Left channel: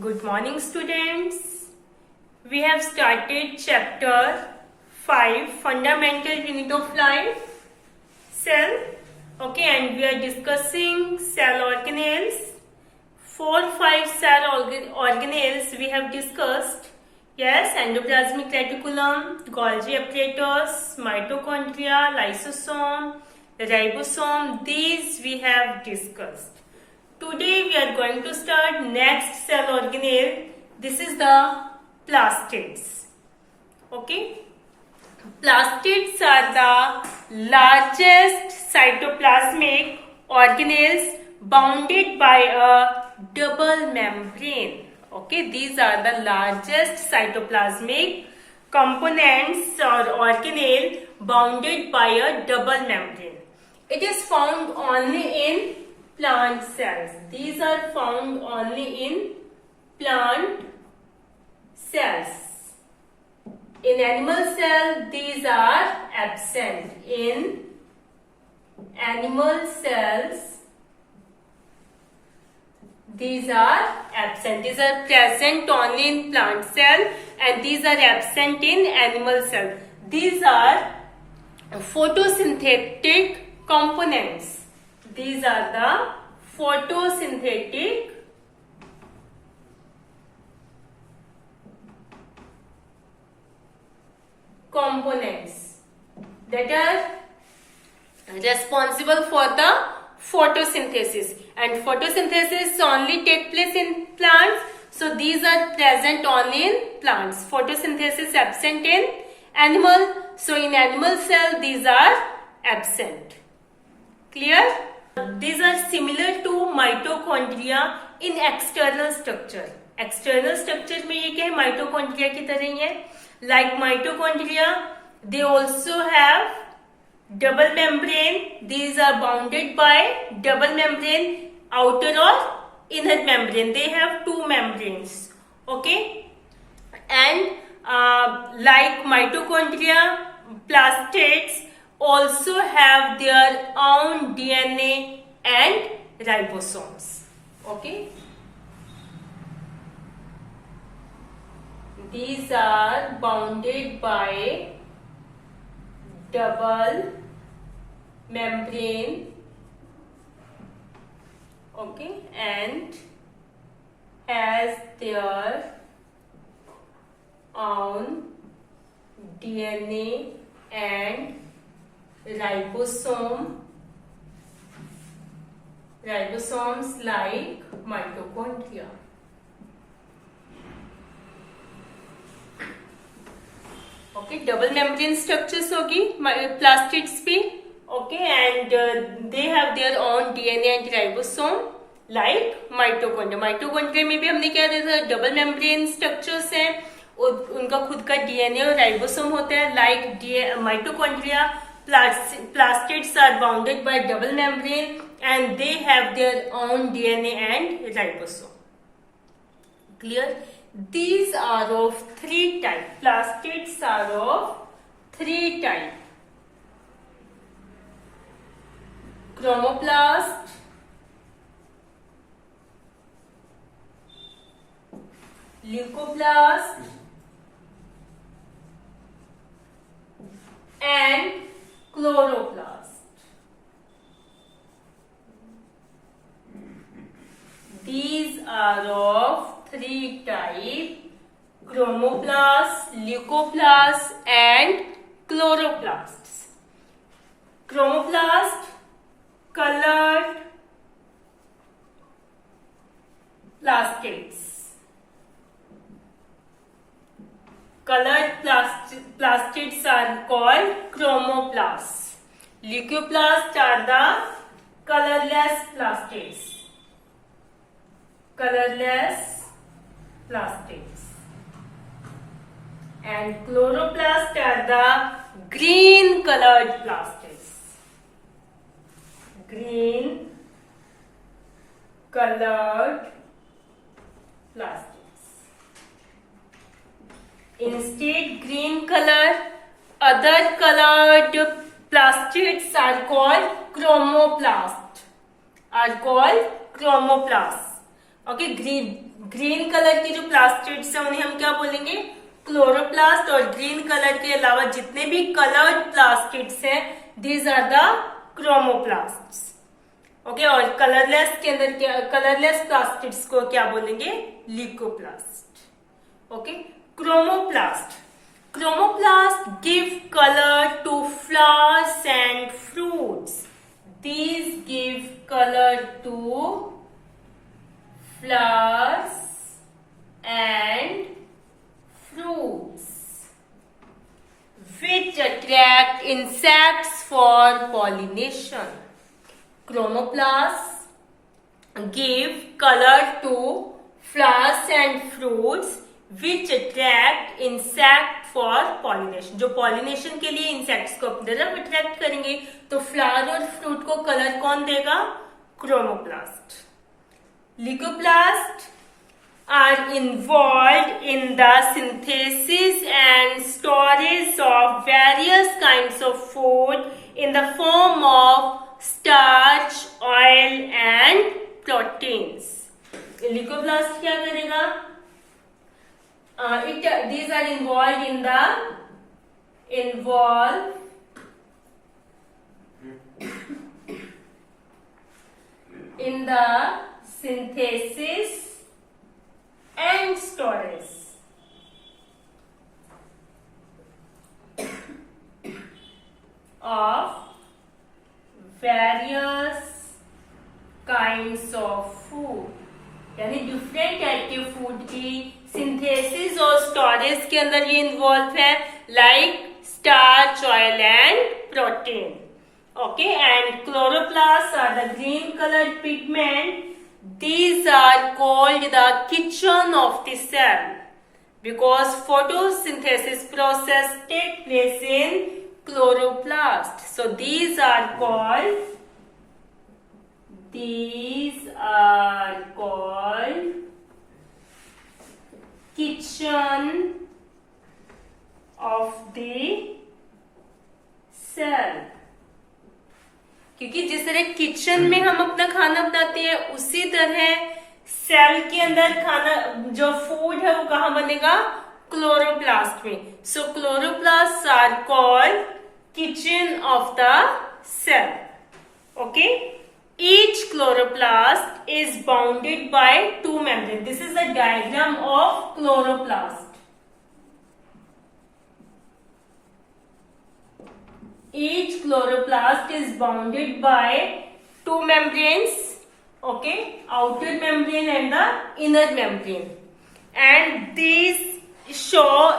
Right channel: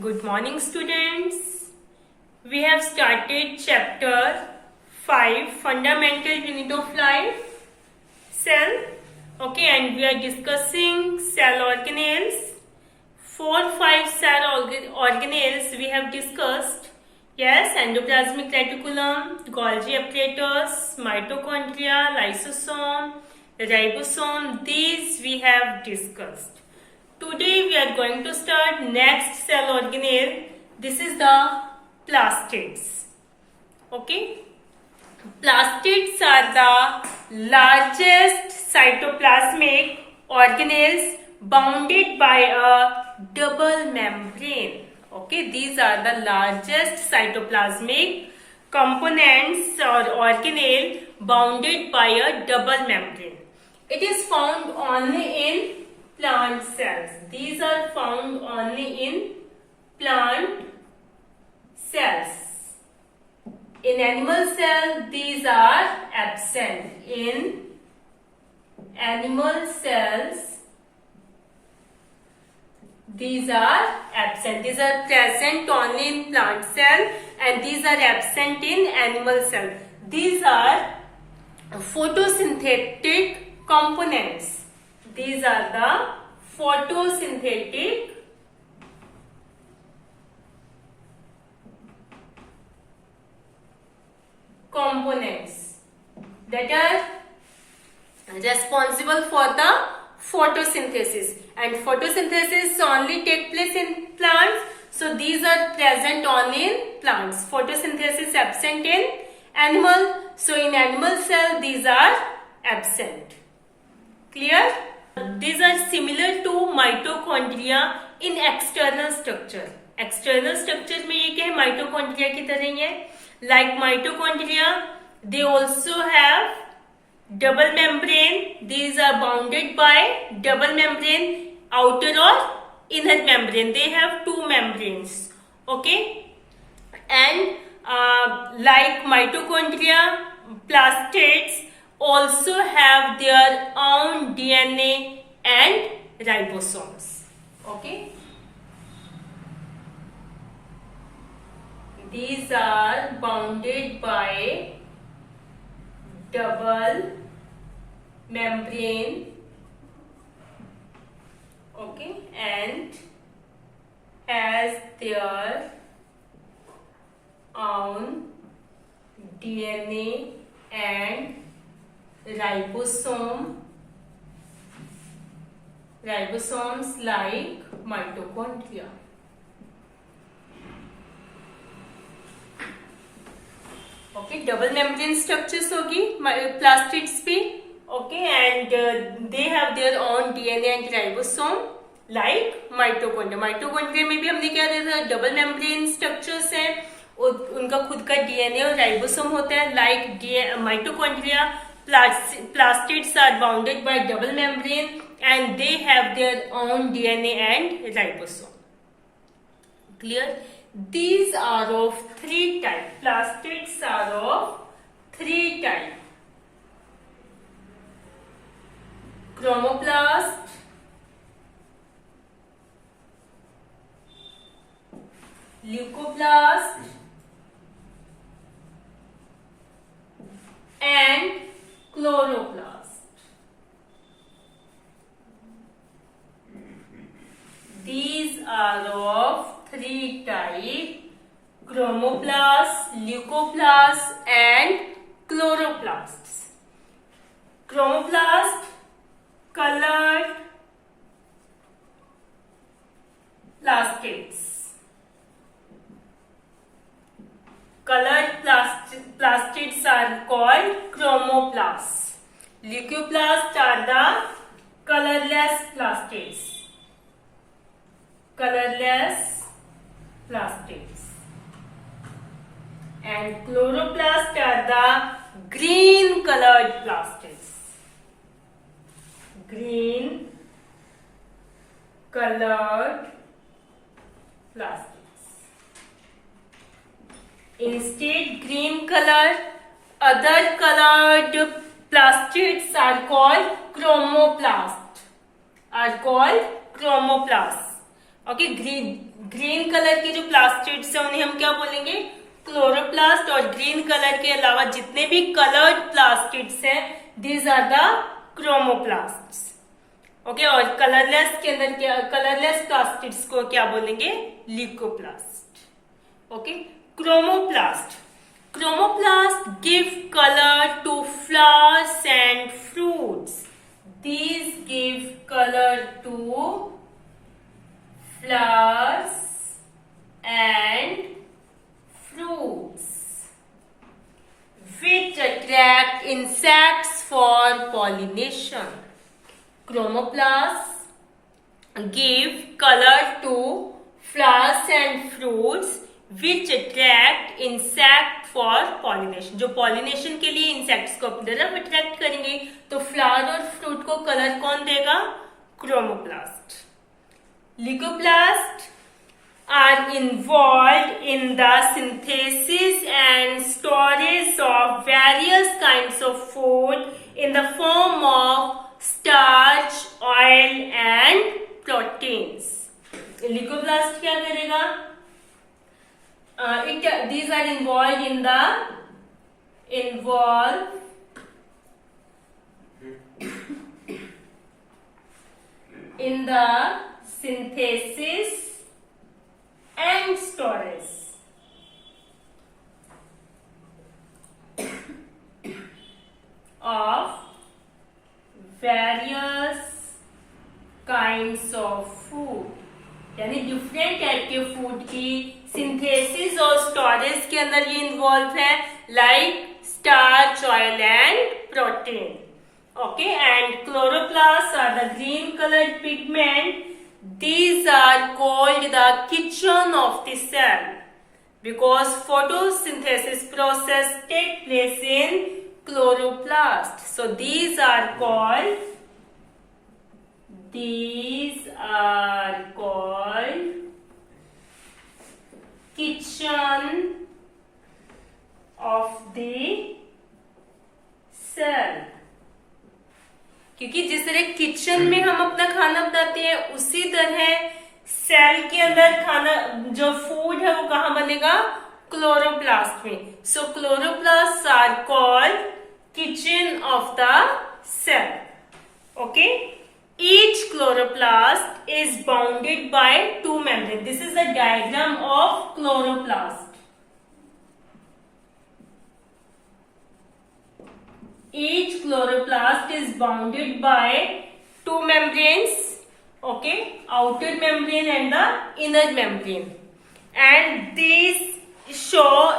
Good morning, students. We have started chapter 5, Fundamental Unit of Life, Cell. Okay, and we are discussing cell organelles. 4, 5 cell organelles we have discussed. Yes, endoplasmic reticulum, Golgi apparatus, mitochondria, lysosome, ribosome. These we have discussed. Today we are going to start next cell organelle. This is the plastids. Okay. Plastids are the largest cytoplasmic organelles bounded by a double membrane. Okay, these are the largest cytoplasmic components or organelle bounded by a double membrane. It is found only in plant cells. These are found only in plant cells. In animal cell, these are absent. In animal cells, these are absent. These are present only in plant cell and these are absent in animal cell. These are photosynthetic components. These are the photosynthetic components that are responsible for the photosynthesis, and photosynthesis only take place in plants, so these are present only in plants. Photosynthesis absent in animal, so in animal cell these are absent. Clear? These are similar to mitochondria in external structure. External structure में ये क्या है, mitochondria की तरह ही है. Like mitochondria, they also have double membrane. These are bounded by double membrane, outer or inner membrane. They have two membranes. Okay, and like mitochondria, plastids also have their own DNA and ribosomes. Okay, these are bounded by double membrane. Okay, and has their own DNA and ribosomes like mitochondria. Okay, double membrane structures होगी plastids पे. Okay, and they have their own DNA and ribosome like mitochondria. Mitochondria में भी हमने क्या देखा, double membrane structures हैं, उनका खुद का DNA और ribosome होता है. Like mitochondria, plastids are bounded by double membrane and they have their own DNA and ribosome. Clear? These are of three types. Plastids are of three types. Chromoplast, leucoplast, and chloroplast. These are of three types: chromoplasts, leucoplasts, and chloroplasts. Chromoplast, colored plastids. Colored plastids are called chromoplasts. Leucoplasts are the colorless plastids. Colorless plastids. And chloroplasts are the green colored plastids. Green colored plastids. Instead, green color, other colored plastids are called chromoplasts. Okay, green colour की जो plastids है उन्हें हम क्या बोलेंगे, chloroplast. और green colour के अलावा जितने भी कलर्ड प्लास्टिड्स हैं, दीज आर द क्रोमोप्लास्ट्स। ओके, और कलरलेस के अंदर क्या, कलरलेस प्लास्टिड्स को क्या बोलेंगे, leucoplast. Okay, chromoplast. Chromoplasts give color to flowers and fruits. These give color to flowers and fruits, which attract insects for pollination. Chromoplasts give color to flowers and fruits which attract insect for pollination. जो pollination के लिए insects को अपनी तरफ attract करेंगे, तो flower और fruit को color कौन देगा, chromoplast. Leucoplasts are involved in the synthesis and storage of various kinds of food in the form of starch, oil and proteins. Leucoplast क्या करेगा, these are involved in the synthesis and storage of various kinds of food, यानी different type के food की synthesis और storage के अंदर ये involve है, like starch, oil and protein. Okay, and chloroplast are the green coloured pigment. These are called the kitchen of the cell because photosynthesis process take place in chloroplast. So these are called kitchen of the cell. क्योंकि जिस तरह kitchen में हम अपना खाना बनाते हैं, उसी तरह सेल के अंदर खाना जो फूड है वो कहाँ बनेगा, क्लोरोप्लास्ट में. So chloroplast are called kitchen of the cell. Okay, each chloroplast is bounded by two membranes. This is the diagram of chloroplast. Each chloroplast is bounded by two membranes, okay, outer membrane and the inner membrane, and these show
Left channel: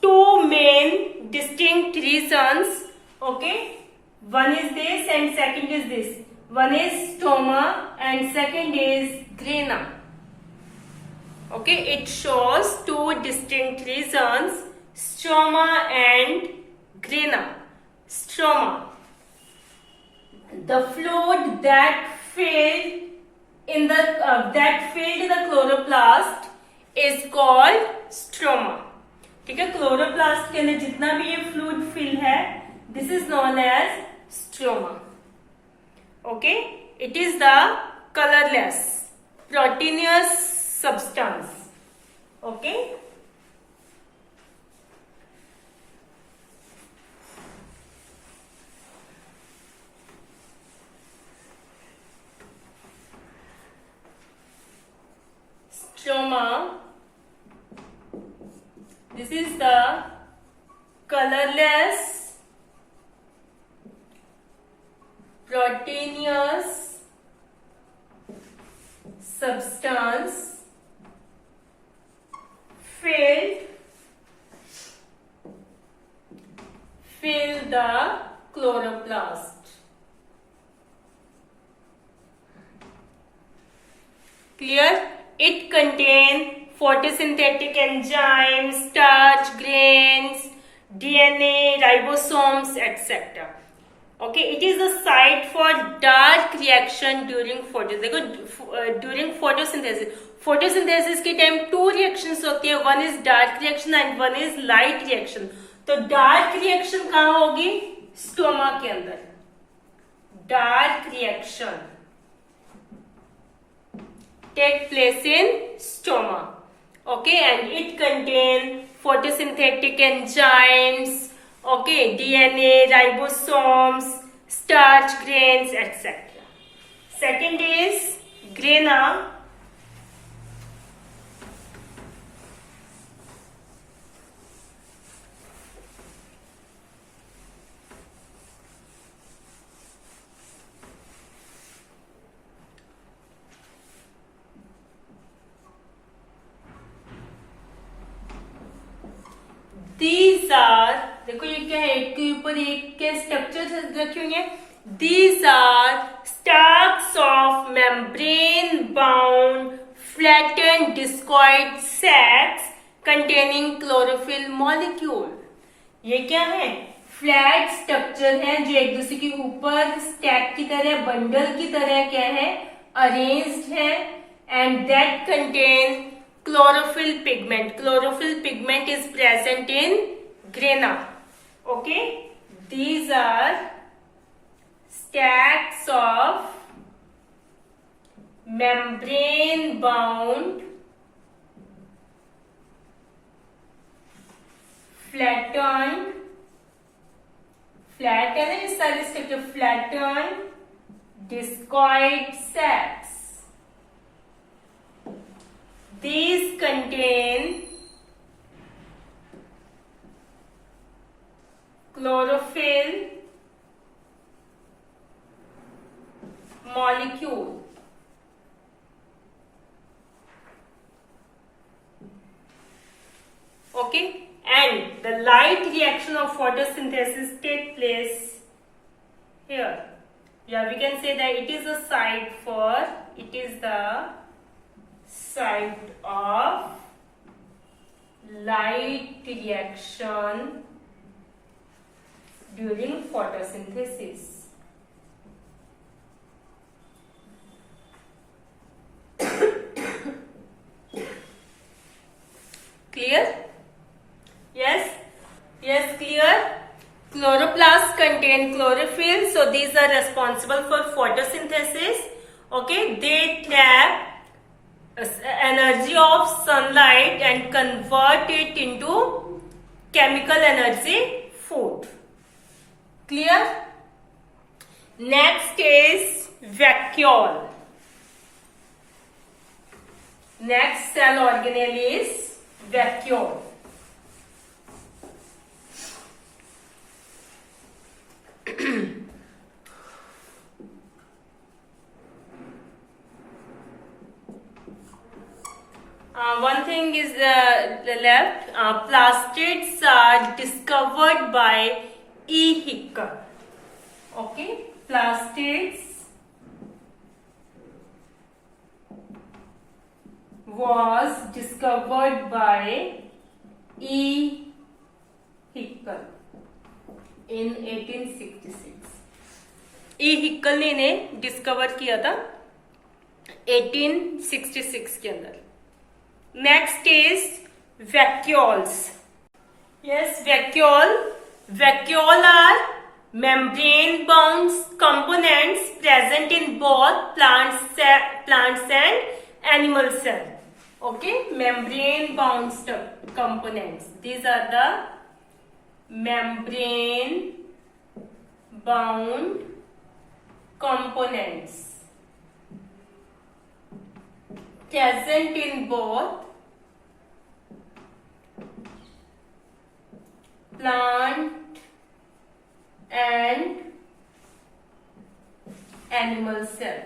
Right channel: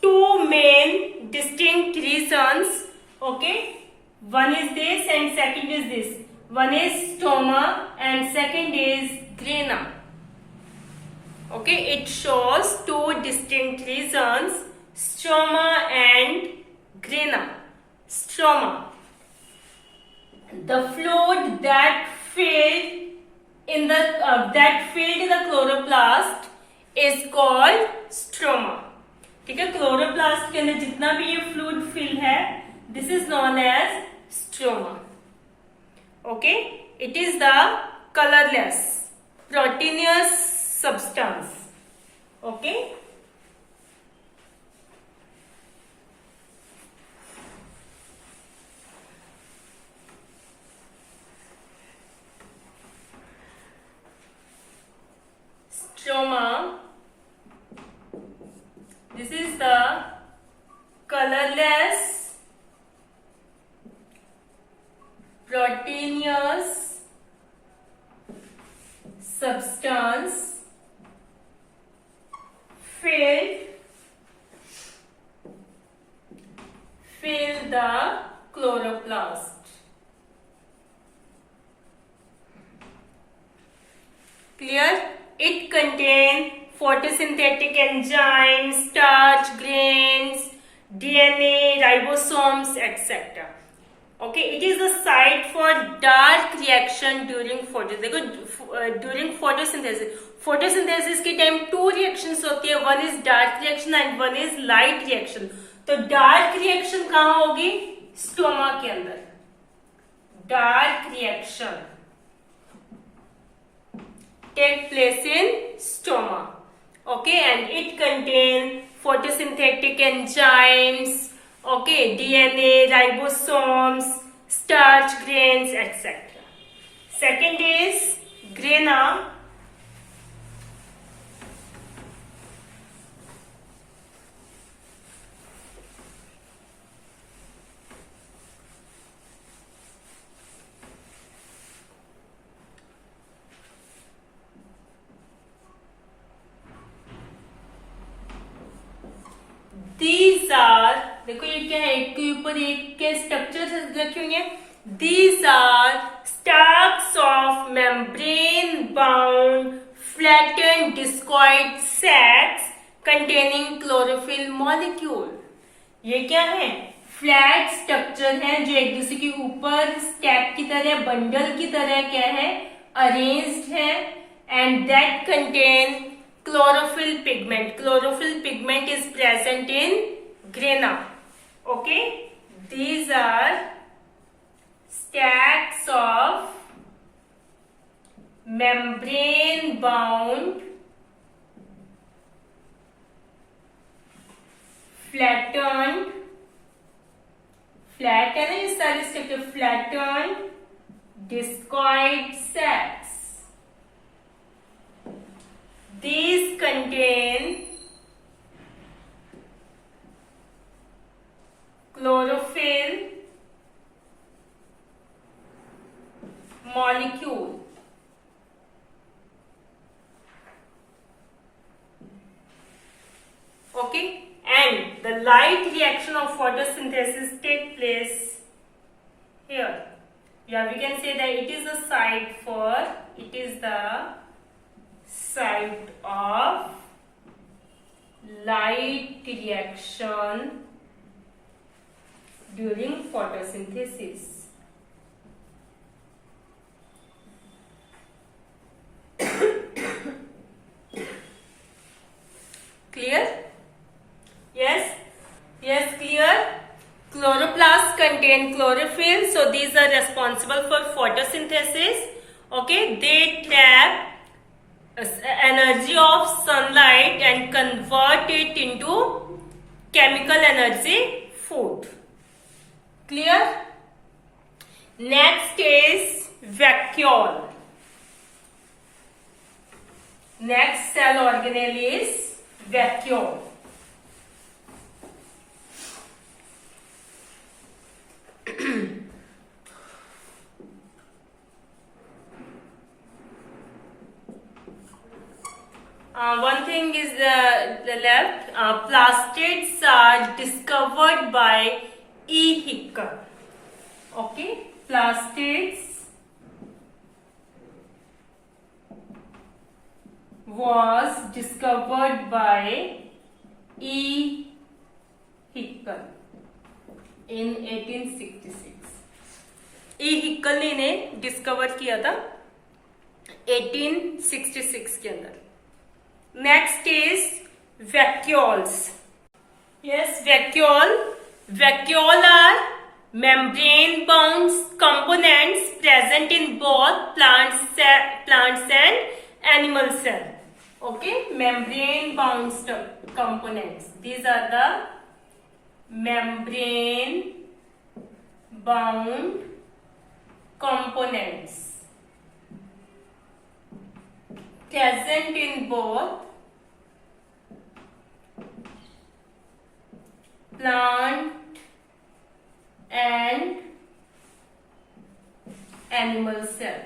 two main distinct regions. Okay, one is this and second is this. One is stroma and second is grana. Okay, it shows two distinct regions, stroma and grana. Stroma, the fluid that filled in the chloroplast is called stroma. ठीक है, chloroplast के अंदर जितना भी ये fluid fill है, this is known as stroma. Okay, it is the colorless proteinous substance. Okay, stroma, this is the colorless proteinous substance fill the chloroplast. Clear? It contains photosynthetic enzymes, starch, grains, DNA, ribosomes, etc. Okay, it is a site for dark reaction during during photosynthesis. Photosynthesis के time two reactions होती है, one is dark reaction and one is light reaction. तो dark reaction कहाँ होगी, stoma के अंदर. Dark reaction take place in stoma. Okay, and it contains photosynthetic enzymes, okay, DNA, ribosomes, starch grains, etc. Second is grana. These are, देखो ये क्या है, एक के ऊपर एक के स्ट्रक्चर रखे हुए हैं. These are stalks of membrane-bound flattened discoid sacs containing chlorophyll molecule. ये क्या है? फ्लैट स्ट्रक्चर है जो एक दूसरे के ऊपर स्टैक की तरह, बंडल की तरह क्या है, अरेंज्ड है, and that contain chlorophyll pigment. Chlorophyll pigment is present in grana. Okay, these are stacks of membrane bound flattened, flat है ना ये सारे structure, flattened discoid sacs. These contain chlorophyll molecule. Okay, and the light reaction of photosynthesis take place here. Yeah, we can say that it is a site for, it is the site of light reaction during photosynthesis. Clear? Yes? Yes, clear? Chloroplasts contain chlorophyll, so these are responsible for photosynthesis. Okay, they trap energy of sunlight and convert it into chemical energy food. Clear? Next is vacuole. Next cell organelle is vacuole. One thing is the left. Plastids are discovered by E. Hickel. Okay, plastids was discovered by E. Hickel in 1866. E. Hickel ने इन्हें discover किया था 1866 के अंदर. Next is vacuoles. Yes, vacuole. Vacuole are membrane-bound components present in both plants and animal cell. Okay, membrane-bound components. These are the membrane-bound components present in both plant and animal cell.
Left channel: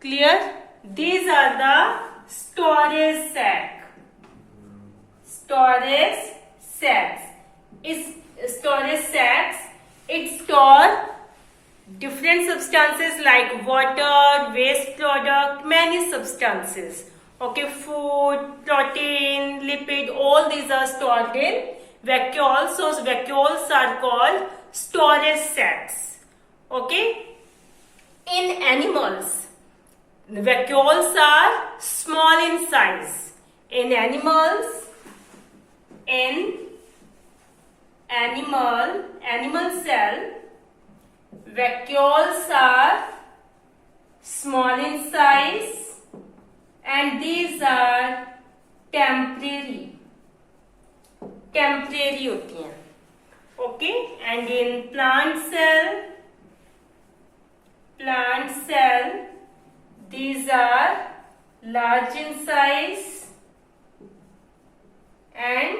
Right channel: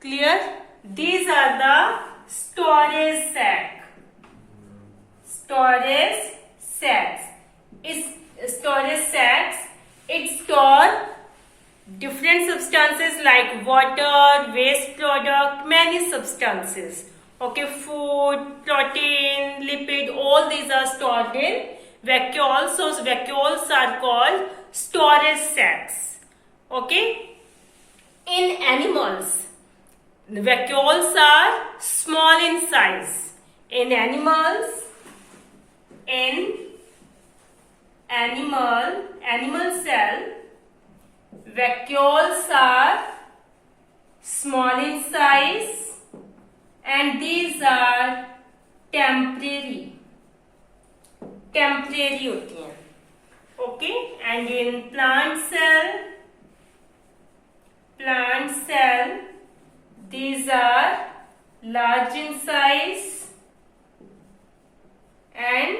Clear? These are the storage sac. Storage sacs. Storage sacs, it store different substances like water, waste product, many substances. Okay, food, protein, lipid, all these are stored in vacuoles. So vacuoles are called storage sacs. Okay, in animals, the vacuoles are small in size. In animals, in animal cell, vacuoles are small in size and these are temporary होती हैं. Okay, and in plant cell these are large in size and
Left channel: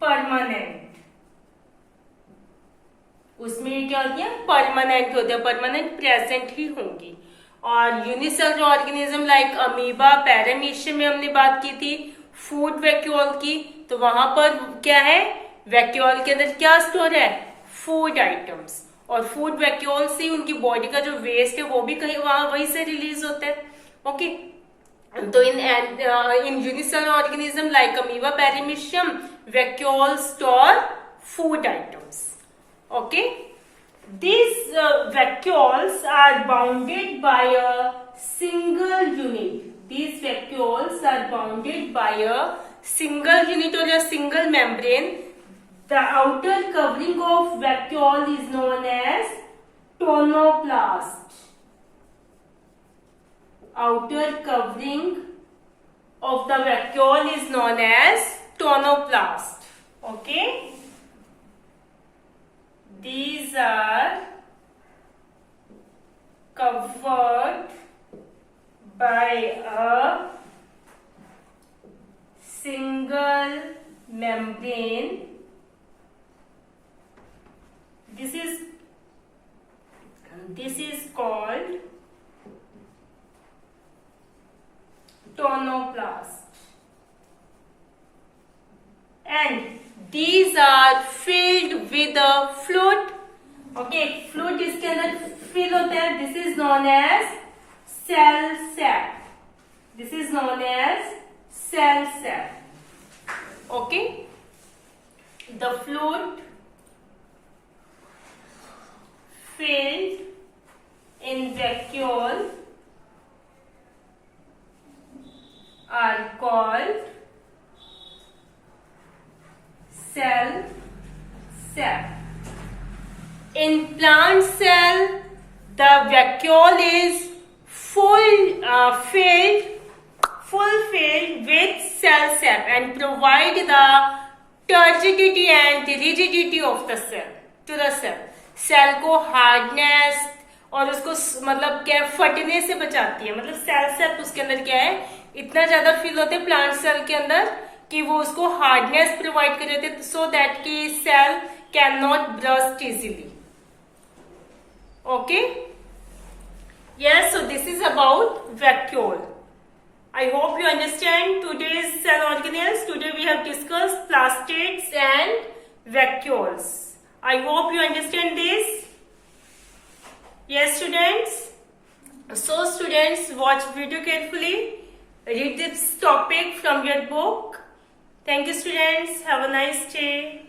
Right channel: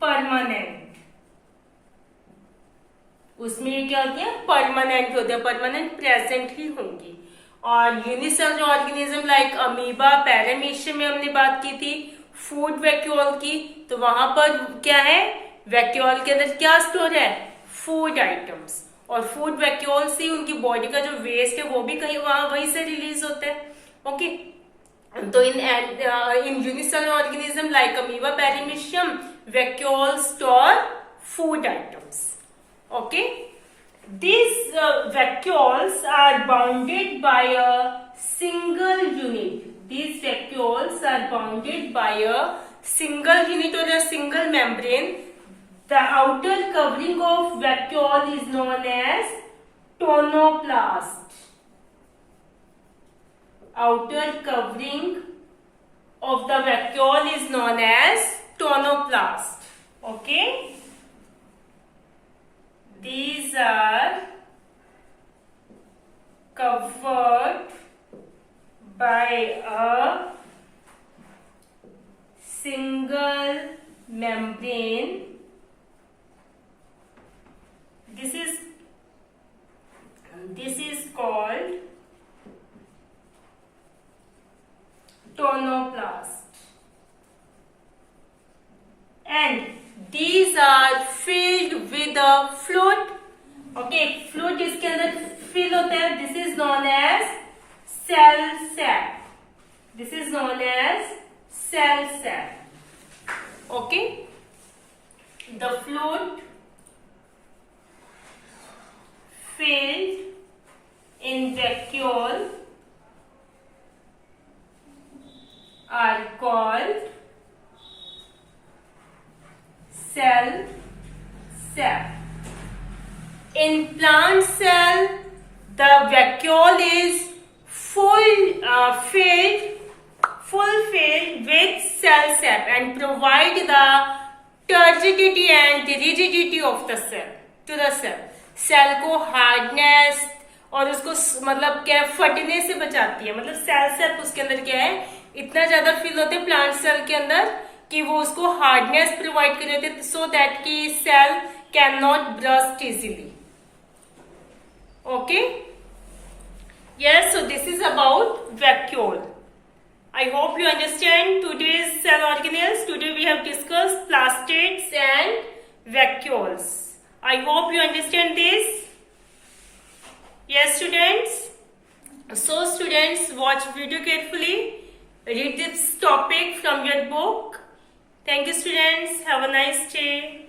permanent. उसमें क्या होती है? Permanent होते हैं, permanent present ही होंगी. और unicellular organism like amoeba, paramecium में हमने बात की थी फूड वैक्यूल की, तो वहां पर क्या है? वैक्यूल के अंदर क्या स्टोर है? Food items. और फूड वैक्यूल से उनकी बॉडी का जो वेस्ट है वो भी कहीं वहीं से रिलीज होता है. ओके, तो इन unicellular organism like amoeba, paramecium, vacuole store food items. Okay, these vacuoles are bounded by a single unit. These vacuoles are bounded by a single unit or a single membrane. The outer covering of vacuole is known as tonoplast. Outer covering of the vacuole is known as tonoplast. Okay. These are covered by a single membrane. This is called tonoplast. And these are filled with a fluid. Okay, fluid इसके अंदर fill होता है. This is known as cell sap. This is known as cell sap. Okay, the fluid filled in vacuole are called cell sap. In plant cell, the vacuole is filled with cell sap and provide the turgidity and rigidity of the cell to the cell. Cell को hardness और उसको मतलब क्या फटने से बचाती है. मतलब सेल सैप उसके अंदर क्या है? इतना ज्यादा फिल होते हैं प्लांट सेल के अंदर कि वो उसको हार्डनेस प्रोवाइड कर देते सो दैट कि cell can not burst easily. Okay, yes, so this is about vacuole. I hope you understand today's cell organelles. Today we have discussed plastids and vacuoles. I hope you understand this. Yes, students. So students, watch video carefully. Read this topic from your book. Thank you, students. Have a nice day.